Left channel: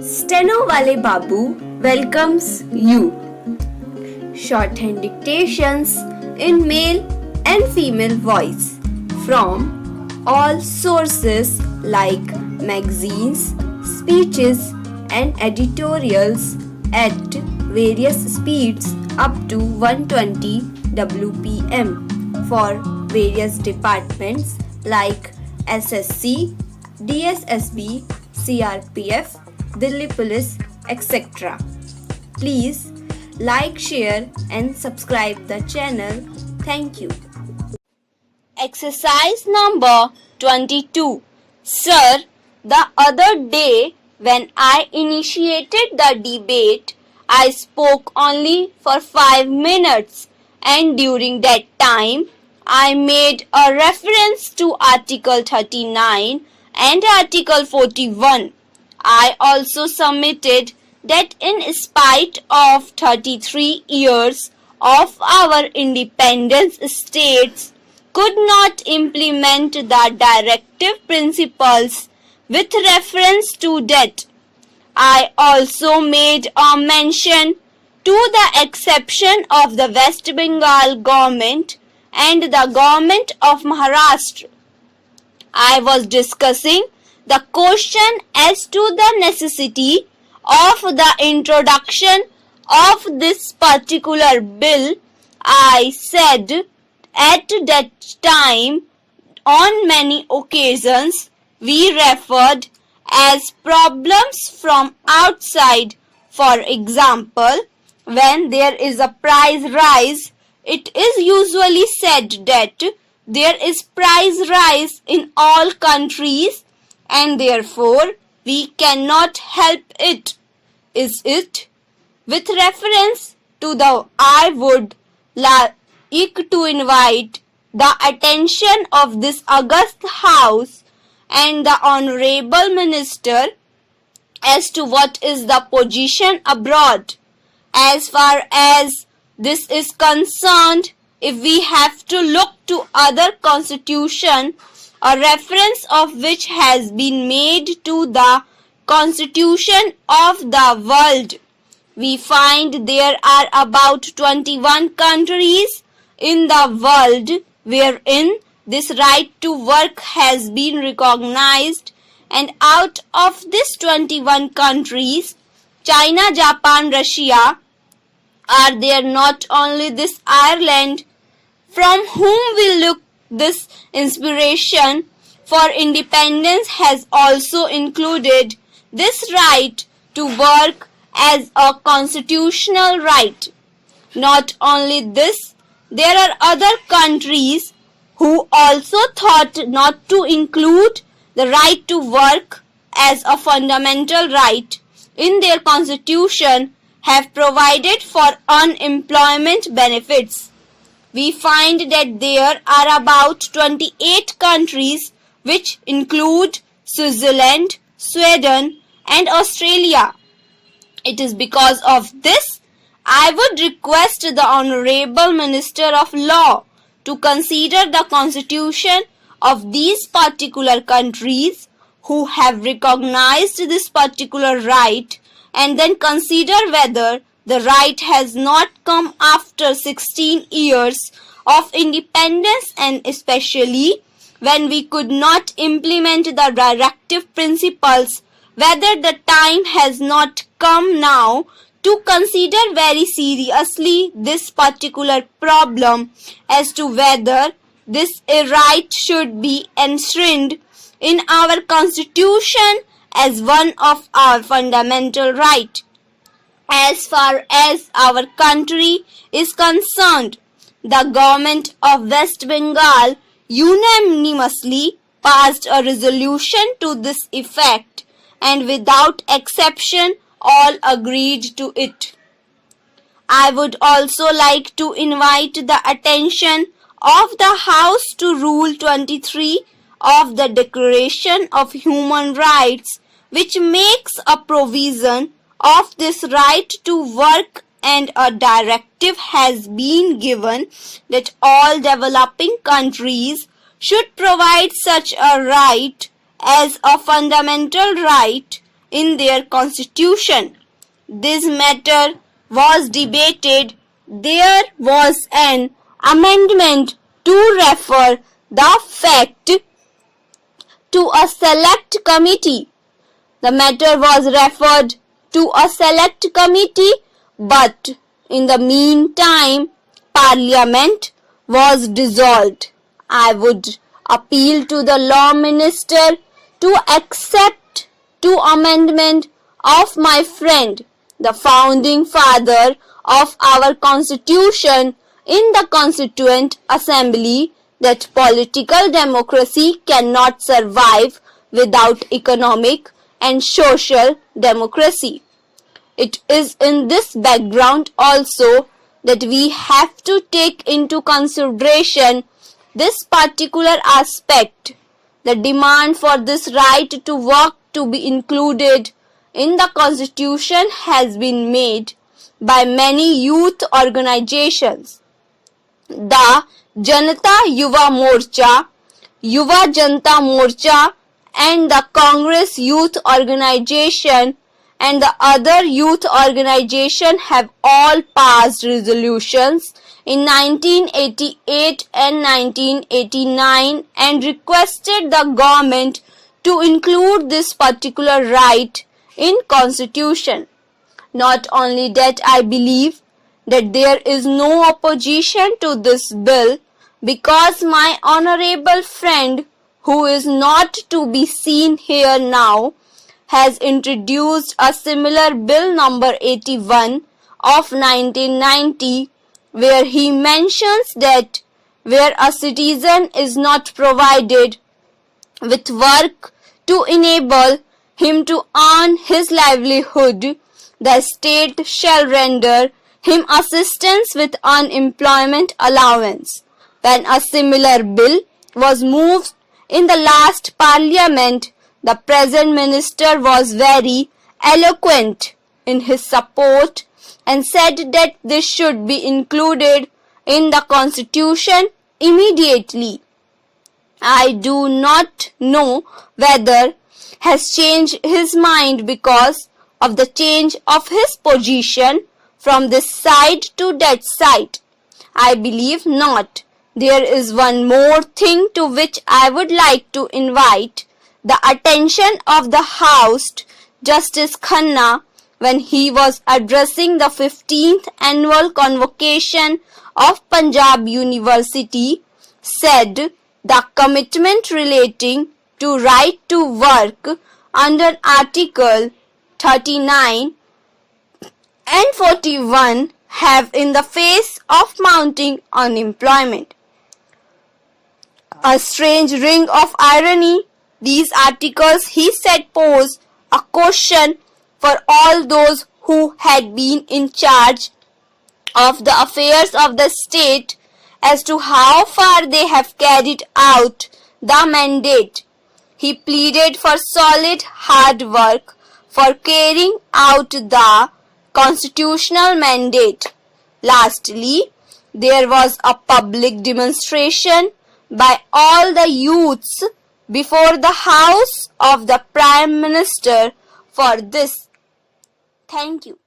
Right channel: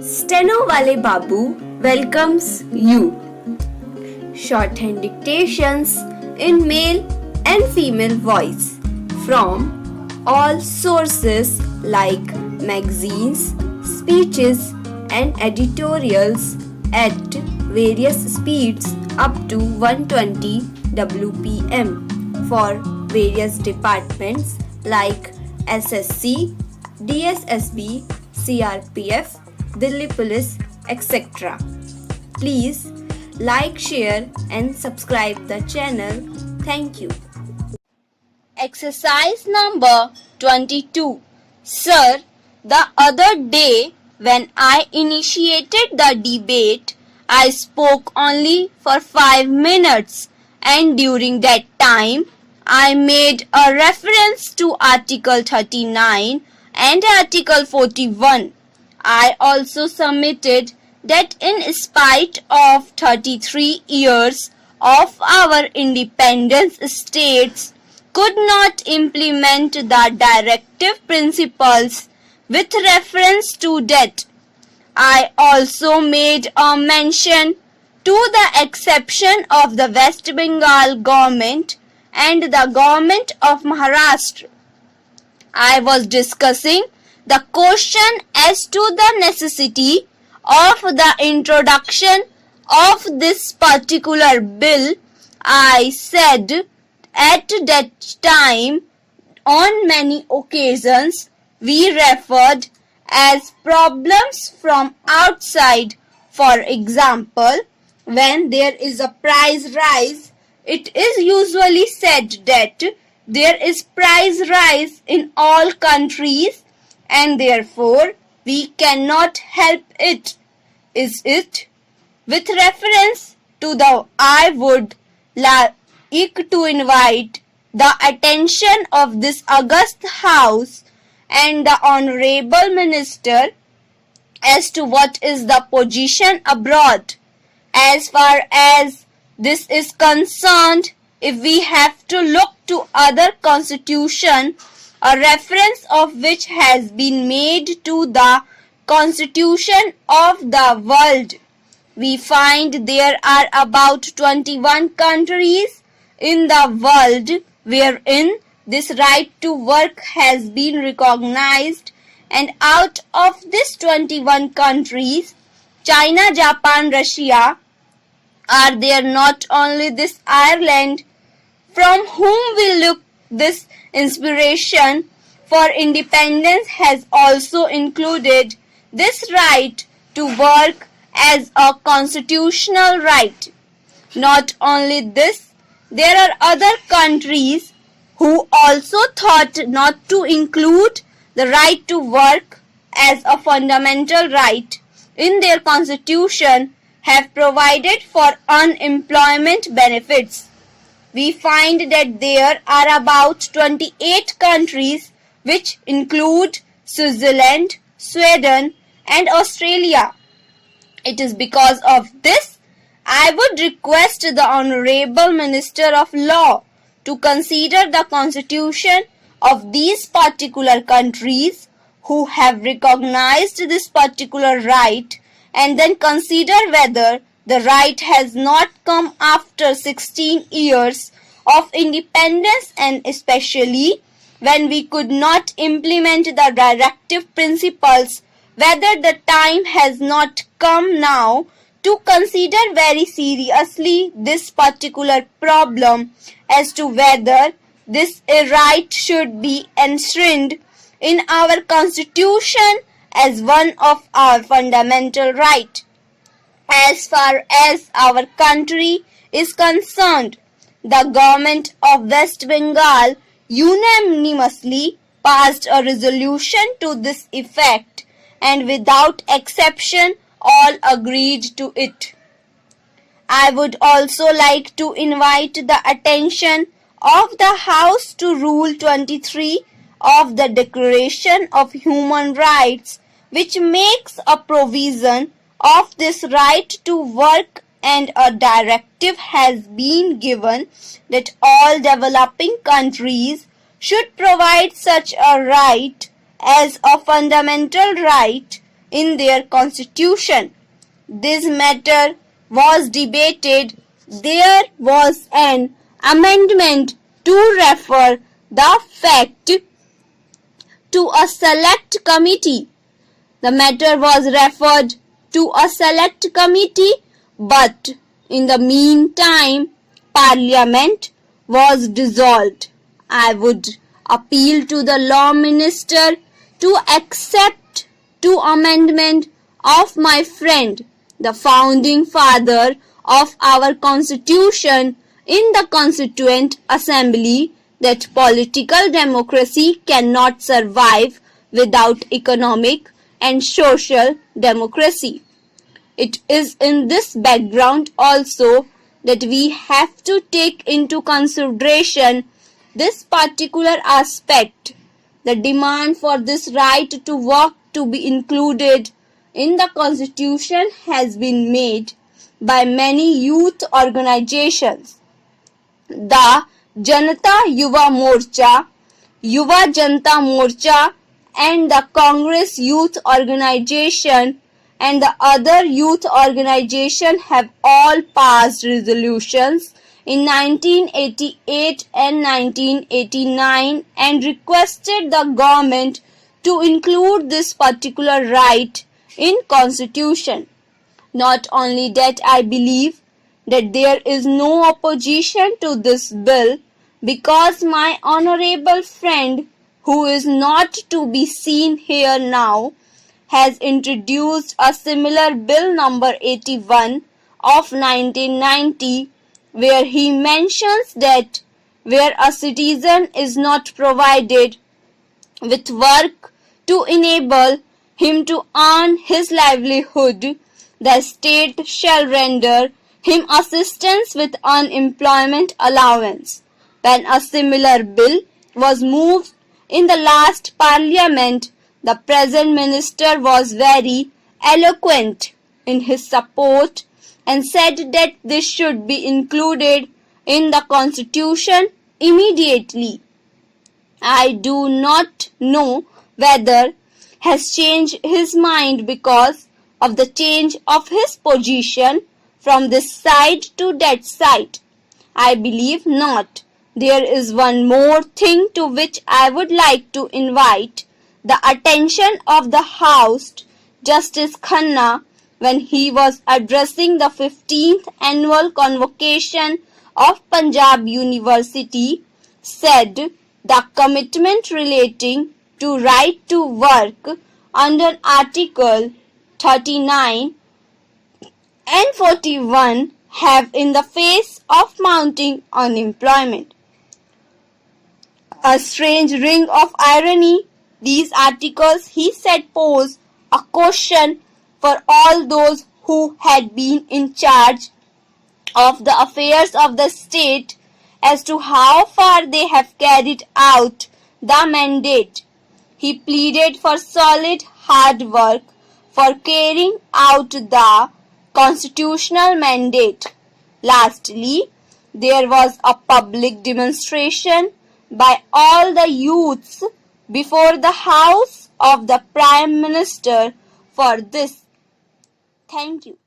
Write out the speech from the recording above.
Steno Wale Babu welcomes you. Shorthand dictations in male and female voice from all sources like magazines, speeches, and editorials at various speeds up to 120 WPM for various departments like SSC, DSSB, CRPF, Delhi Police, etc. Please like, share and subscribe the channel. Thank you. Exercise number 22. Sir, the other day when I initiated the debate, I spoke only for 5 minutes and during that time I made a reference to Article 39 and Article 41. I also submitted that in spite of 33 years of our independence, states could not implement the directive principles with reference to that. I also made a mention to the exception of the West Bengal government and the government of Maharashtra. I was discussing the question as to the necessity of the introduction of this particular bill. I said at that time on many occasions we referred as problems from outside. For example, when there is a price rise, it is usually said that there is price rise in all countries and therefore we cannot help it. Is it? With reference to the, I would like to invite the attention of this august House and the Honorable Minister as to what is the position abroad. As far as this is concerned, if we have to look to other constitution, a reference of which has been made to the constitution of the world, we find there are about 21 countries in the world wherein this right to work has been recognized, and out of these 21 countries, China, Japan, Russia are there. Not only this Ireland, from whom we look this inspiration for independence, has also included this right to work as a constitutional right. Not only this, there are other countries who also thought not to include the right to work as a fundamental right in their constitution, have provided for unemployment benefits. We find that there are about 28 countries which include Switzerland, Sweden and Australia. It is because of this I would request the Honorable Minister of Law to consider the constitution of these particular countries who have recognized this particular right, and then consider whether the right has not come after 16 years of independence, and especially when we could not implement the directive principles, whether the time has not come now to consider very seriously this particular problem as to whether this right should be enshrined in our constitution as one of our fundamental rights. As far as our country is concerned, the government of West Bengal unanimously passed a resolution to this effect, and without exception all agreed to it. I would also like to invite the attention of the House to Rule 23 of the Declaration of Human Rights, which makes a provision of this right to work, and a directive has been given that all developing countries should provide such a right as a fundamental right, in their constitution. This matter was debated. There was an amendment to refer the fact to a select committee. The matter was referred to a select committee, but in the meantime, Parliament was dissolved. I would appeal to the Law Minister to accept two amendments of my friend, the founding father of our Constitution, in the Constituent Assembly, that political democracy cannot survive without economic and social democracy. It is in this background also that we have to take into consideration this particular aspect. The demand for this right to work to be included in the Constitution has been made by many youth organizations. The Janata Yuva Morcha, Yuva Janta Morcha, and the Congress Youth Organization and the other youth organizations have all passed resolutions in 1988 and 1989 and requested the government to include this particular right in Constitution. Not only that, I believe that there is no opposition to this bill because my honorable friend, who is not to be seen here now, has introduced a similar bill number 81 of 1990, where he mentions that where a citizen is not provided with work to enable him to earn his livelihood, the state shall render him assistance with unemployment allowance. When a similar bill was moved in the last Parliament, the present minister was very eloquent in his support and said that this should be included in the Constitution immediately. I do not know whether has changed his mind because of the change of his position from this side to that side. I believe not. There is one more thing to which I would like to invite the attention of the House. Justice Khanna, when he was addressing the 15th annual convocation of Punjab University, said the commitment relating to right to work under Article 39 and 41 have in the face of mounting unemployment a strange ring of irony. These articles, he said, pose a question for all those who had been in charge of the affairs of the state as to how far they have carried out the mandate. He pleaded for solid hard work for carrying out the constitutional mandate. Lastly, there was a public demonstration by all the youths before the house of the Prime Minister for this. Thank you.